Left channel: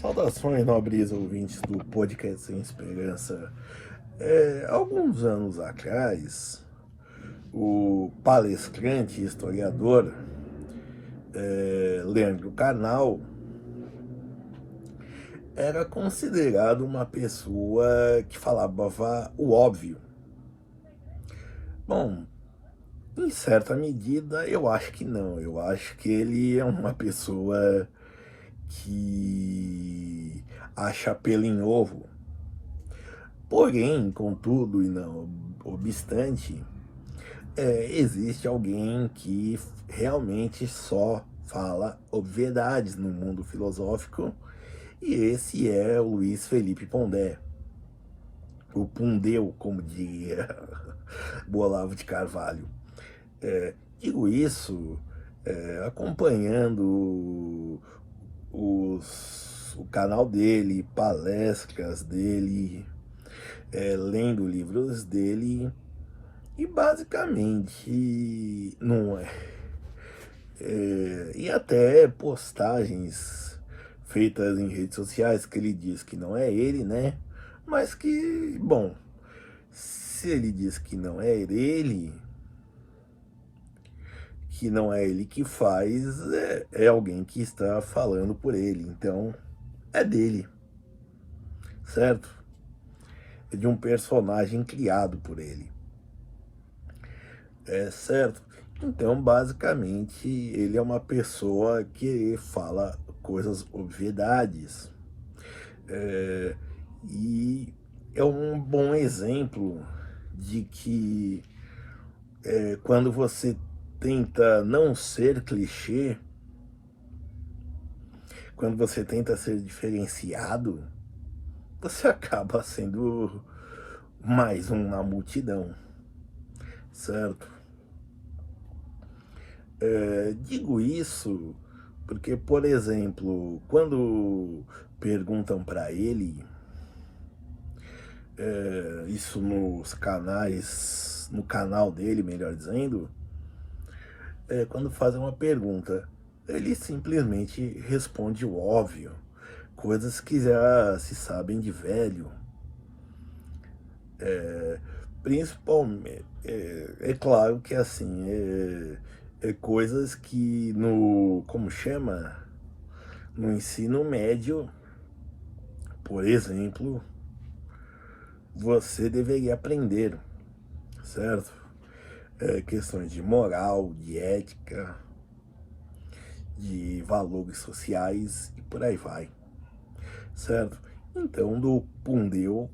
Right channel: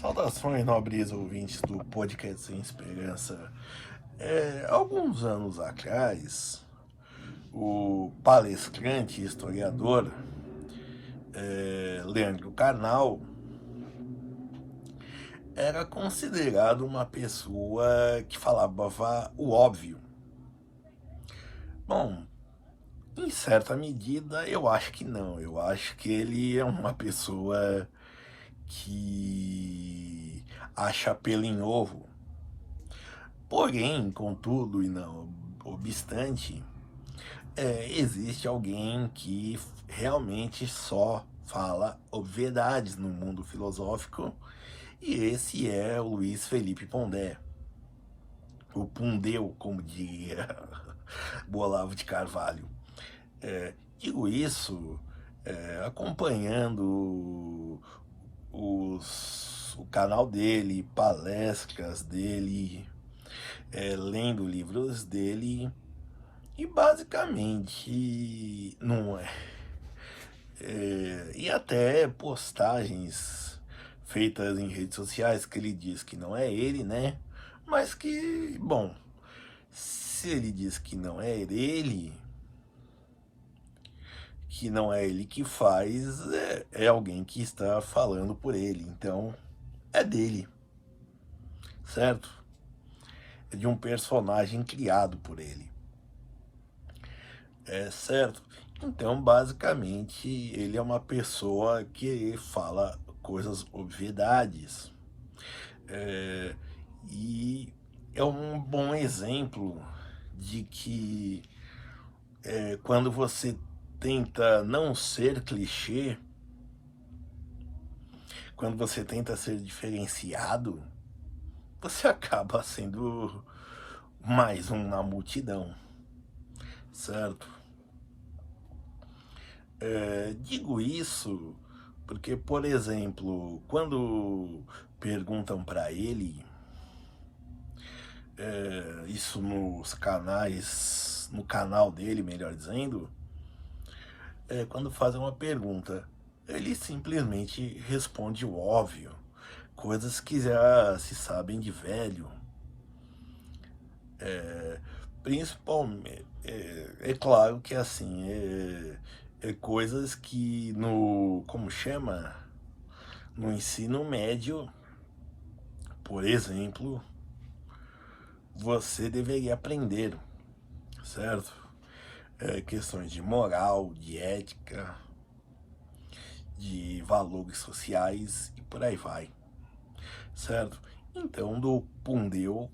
Saudações, nobres ouvintes do podcast Sem Esperança. Alguns anos atrás, o palestrante e historiador Leandro Carnal era considerado uma pessoa que falava o óbvio. Bom, em certa medida, eu acho que não. Eu acho que ele é uma pessoa que acha pelo em ovo. Porém, contudo e não obstante, existe alguém que realmente só fala obviedades no mundo filosófico, e esse é o Luiz Felipe Pondé, o Pundeu, como diria Olavo de Carvalho. Digo isso acompanhando o canal dele, palestras dele, lendo livros dele, e basicamente não é. E até postagens feitas em redes sociais que ele diz que não é ele, né? Mas que, bom, se ele diz que não é ele, que não é ele que faz, é alguém que está falando por ele. Então, é dele, certo? É de um personagem criado por ele. Certo? Então, basicamente, ele é uma pessoa que fala coisas obviedades. E é um bom exemplo de que quando você tenta não ser clichê, quando você tenta ser diferenciado, você acaba sendo mais um na multidão, certo? Digo isso porque, por exemplo, quando perguntam para ele, isso nos canais, no canal dele, melhor dizendo, quando fazem uma pergunta, ele simplesmente responde o óbvio, coisas que já se sabem de velho. Principalmente, é claro que assim, coisas que no, como chama, no ensino médio, por exemplo, você deveria aprender, certo? Questões de moral, de ética, de valores sociais e por aí vai, certo? Então, do Pundeu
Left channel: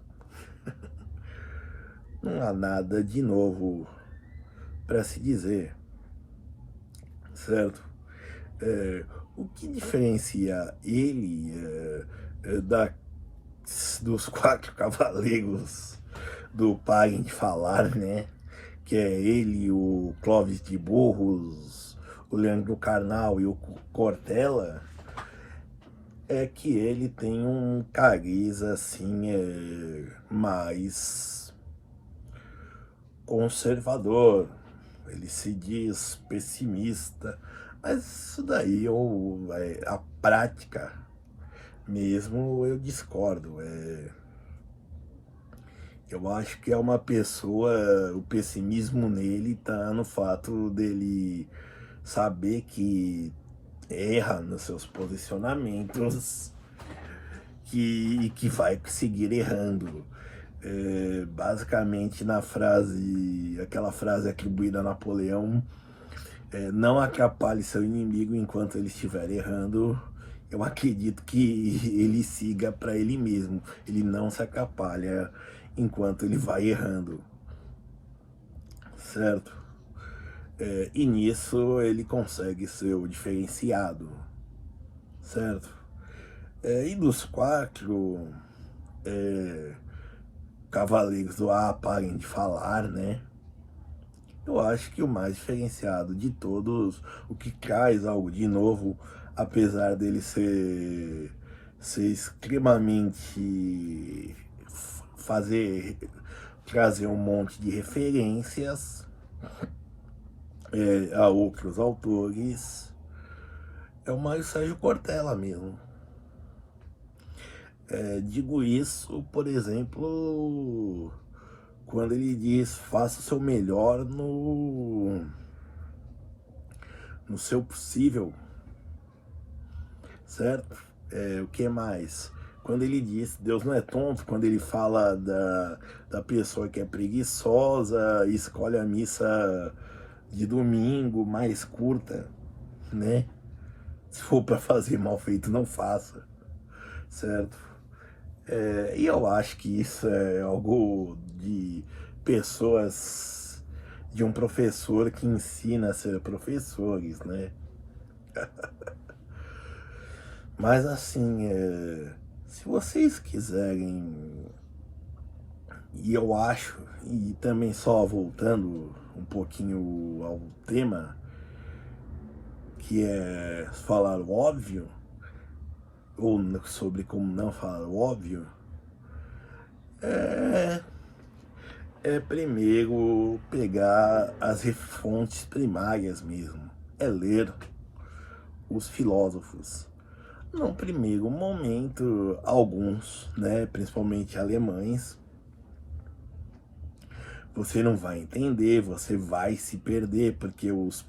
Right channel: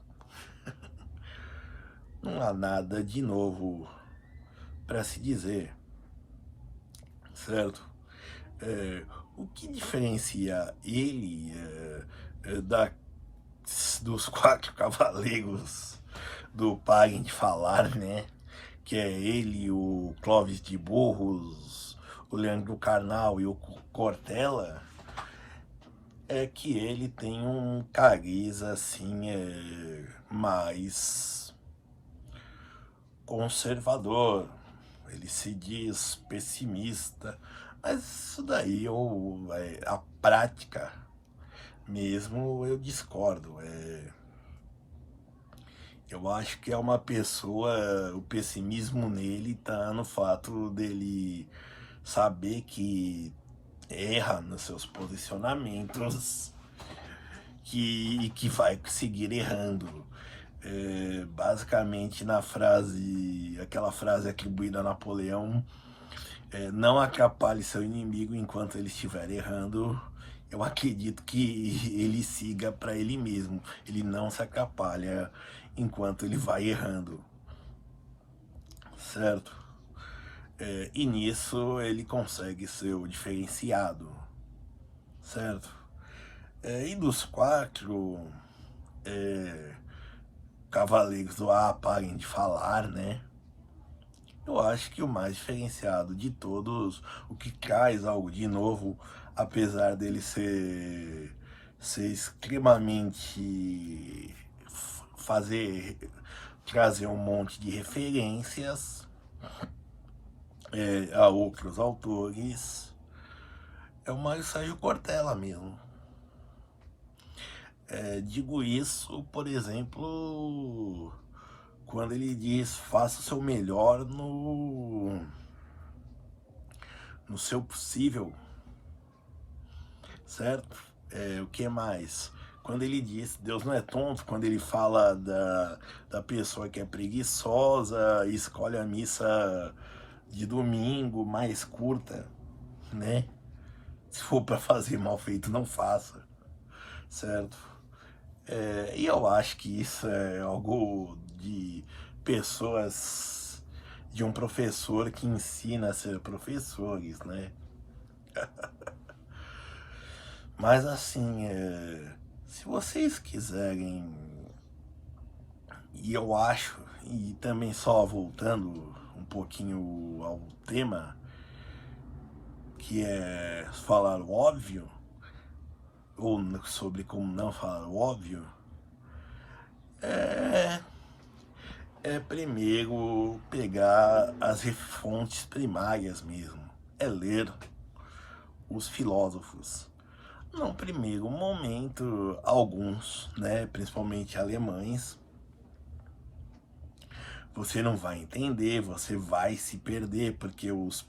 não há nada de novo para se dizer, certo? O que diferencia ele dos quatro cavaleiros do Parem de Falar, né? Que é ele, o Clóvis de Burros, o Leandro Carnal e o Cortella, é que ele tem um cariz assim mais conservador. Ele se diz pessimista, mas isso daí a prática mesmo eu discordo. Eu acho que é uma pessoa, o pessimismo nele tá no fato dele saber que erra nos seus posicionamentos, que vai seguir errando. Basicamente na frase, aquela frase atribuída a Napoleão, não atrapalhe seu inimigo enquanto ele estiver errando. Eu acredito que ele siga para ele mesmo, ele não se atrapalha enquanto ele vai errando, certo? E nisso ele consegue ser o diferenciado, certo? E dos quatro cavaleiros do A Parem de Falar, né? Eu acho que o mais diferenciado de todos, o que traz algo de novo, apesar dele ser extremamente trazer um monte de referências a outros autores, é o Mário Sérgio Cortella mesmo, Digo isso, por exemplo, quando ele diz faça o seu melhor no seu possível, certo? O que mais? Quando ele diz Deus não é tonto, quando ele fala da pessoa que é preguiçosa e escolhe a missa de domingo mais curta, né? Se for para fazer mal feito, não faça, certo? E eu acho que isso é algo de pessoas, de um professor que ensina a ser professores, né? Mas assim, se vocês quiserem, e eu acho, e também só voltando um pouquinho ao tema, que é falar o óbvio, ou sobre como não falar o óbvio, é, é primeiro pegar as fontes primárias mesmo, é ler os filósofos. No primeiro momento, alguns, né, principalmente alemães, você não vai entender, você vai se perder, porque os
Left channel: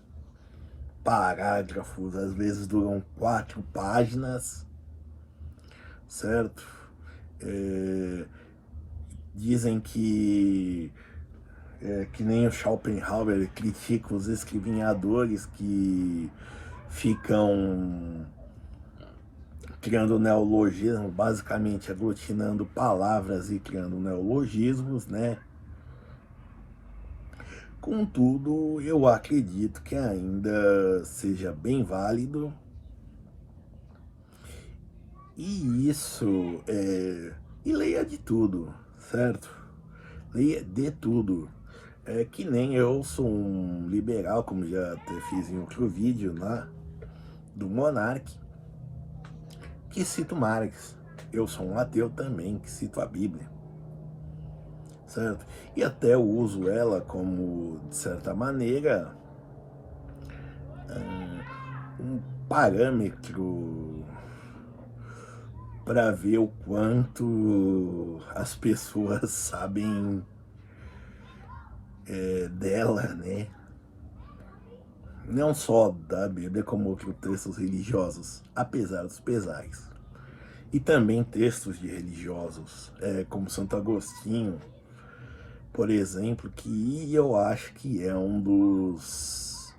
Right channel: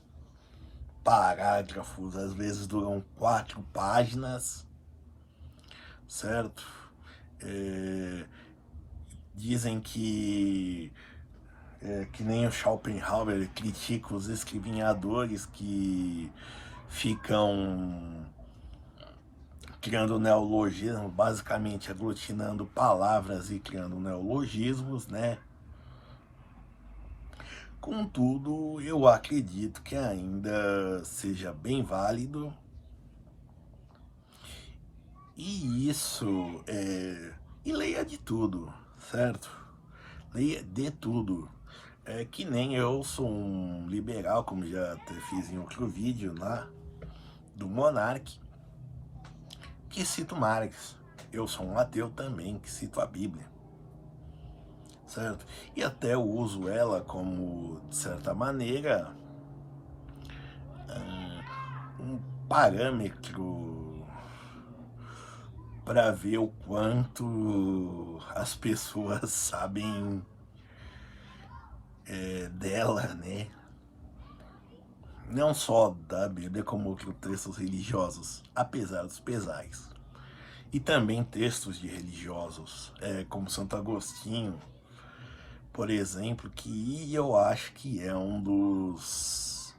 parágrafos às vezes duram 4 páginas, certo? Dizem que nem o Schopenhauer critica os escrivinhadores que ficam criando neologismo, basicamente aglutinando palavras e criando neologismos, né? Contudo, eu acredito que ainda seja bem válido. E isso e leia de tudo, certo? Leia de tudo. Que nem eu sou um liberal, como já até fiz em outro vídeo lá, do Monark, que cito Marx. Eu sou um ateu também, que cito a Bíblia, certo? E até uso ela como, de certa maneira, um parâmetro para ver o quanto as pessoas sabem dela, né? Não só da Bíblia, como outros textos religiosos, apesar dos pesares. E também textos de religiosos, como Santo Agostinho, por exemplo, que eu acho que é um dos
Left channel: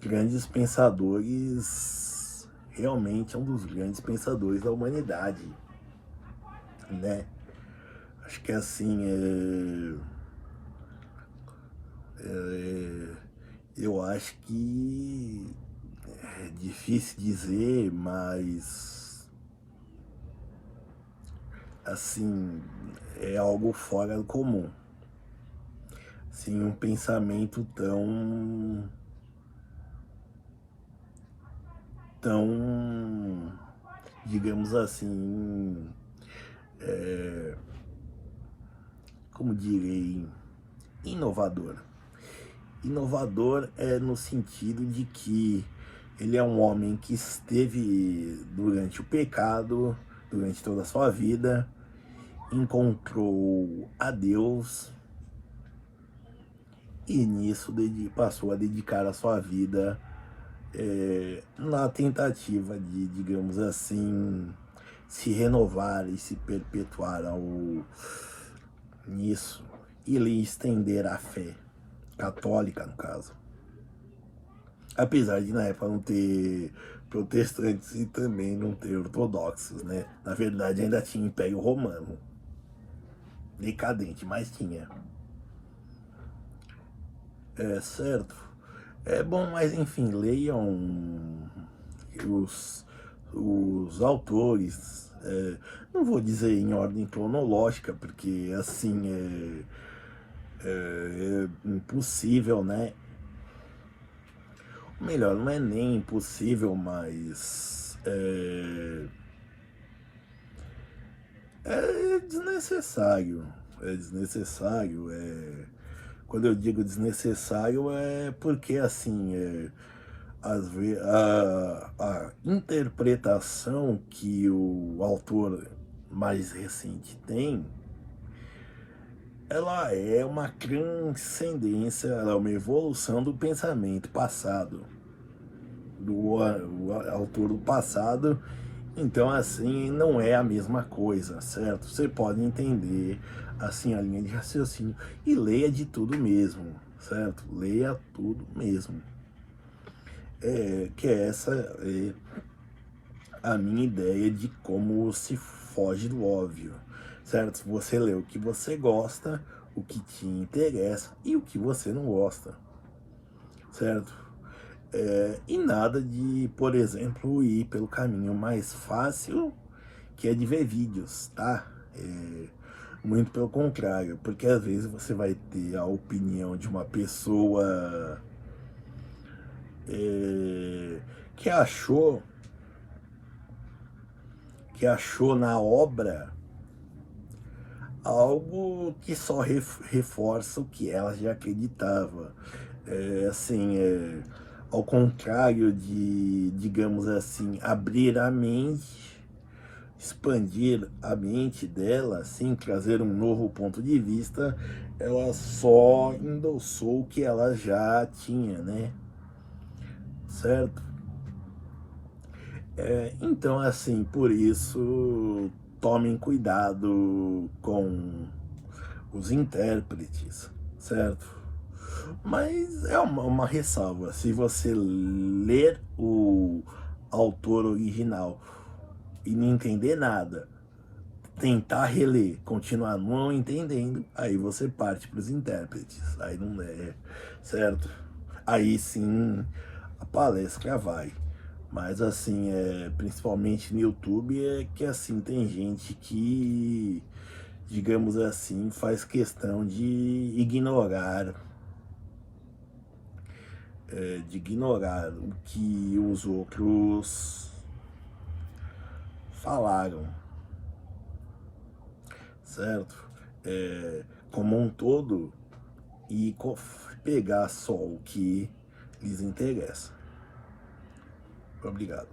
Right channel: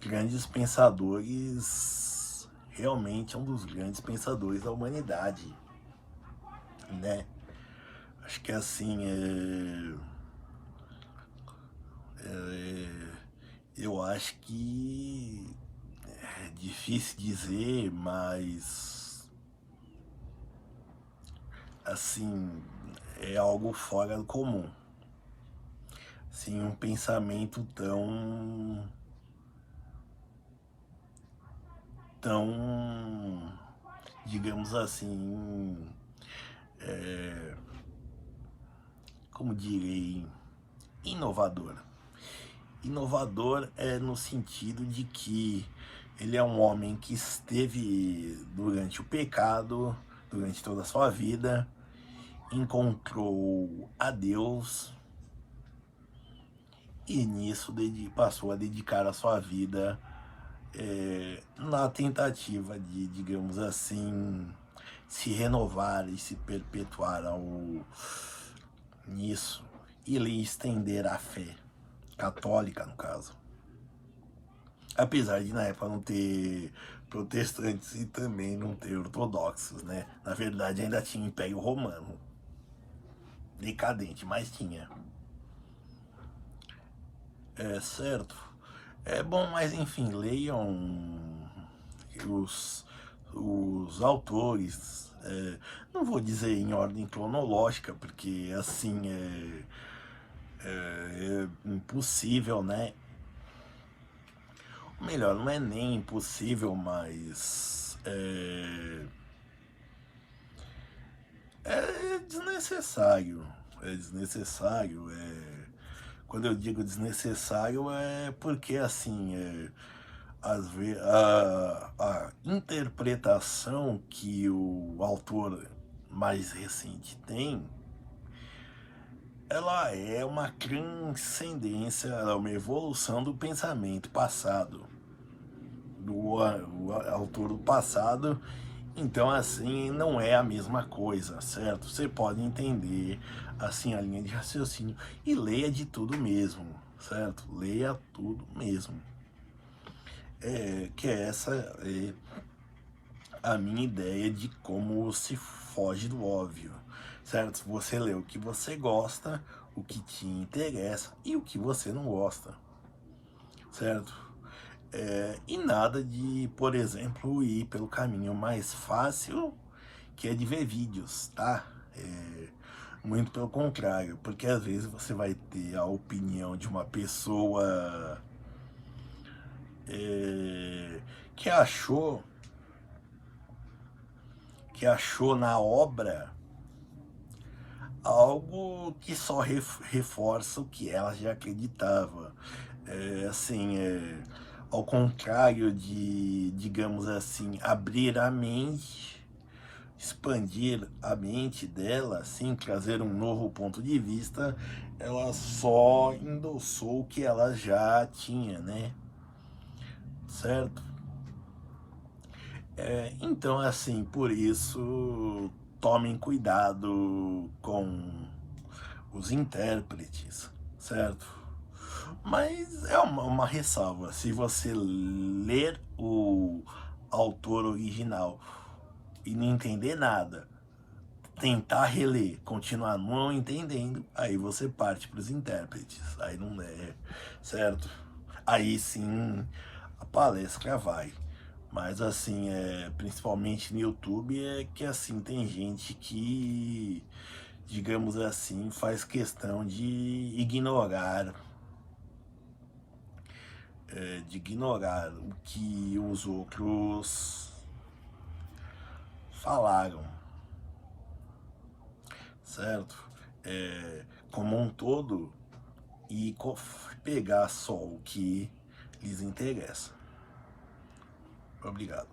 grandes pensadores, realmente é um dos grandes pensadores da humanidade, né? Acho que assim, eu acho que é difícil dizer, mas assim, é algo fora do comum. Assim, um pensamento tão, digamos assim, como direi, inovador. Inovador no sentido de que ele é um homem que esteve durante o pecado, durante toda a sua vida, encontrou a Deus e nisso passou a dedicar a sua vida na tentativa de, digamos assim, se renovar e se perpetuar nisso e lhe estender a fé católica, no caso. Apesar de na época não ter protestantes e também não ter ortodoxos, né? Na verdade ainda tinha Império Romano. Decadente, mas tinha. Certo? Bom, mas enfim, leiam os autores. Não vou dizer em ordem cronológica, porque assim é impossível, né? Melhor, não é nem impossível, mas é desnecessário. É desnecessário. Quando eu digo desnecessário é porque assim às vezes a interpretação que o autor mais recente tem, ela é uma transcendência, ela é uma evolução do pensamento passado, o autor do passado. Então, assim, não é a mesma coisa, certo? Você pode entender, assim, a linha de raciocínio e leia de tudo mesmo, certo? Leia tudo mesmo. Que essa é a minha ideia de como se foge do óbvio, certo? Você lê o que você gosta, o que te interessa e o que você não gosta, certo? E nada de, por exemplo, ir pelo caminho mais fácil, que é de ver vídeos, tá? Muito pelo contrário, porque às vezes você vai ter a opinião de uma pessoa que achou na obra algo que só reforça o que ela já acreditava. Ao contrário de, digamos assim, abrir a mente, expandir a mente dela, assim, trazer um novo ponto de vista, ela só endossou o que ela já tinha, né? Certo? Então, assim, por isso, tomem cuidado com os intérpretes, certo? Mas é uma ressalva. Se você ler o autor original e não entender nada, tentar reler, continuar não entendendo, aí você parte para os intérpretes. Aí não é, certo? Aí sim a palestra vai. Mas assim, principalmente no YouTube, é que assim tem gente que, digamos assim, faz questão de ignorar o que os outros falaram, certo? Como um todo, e pegar só o que lhes interessa. Obrigado.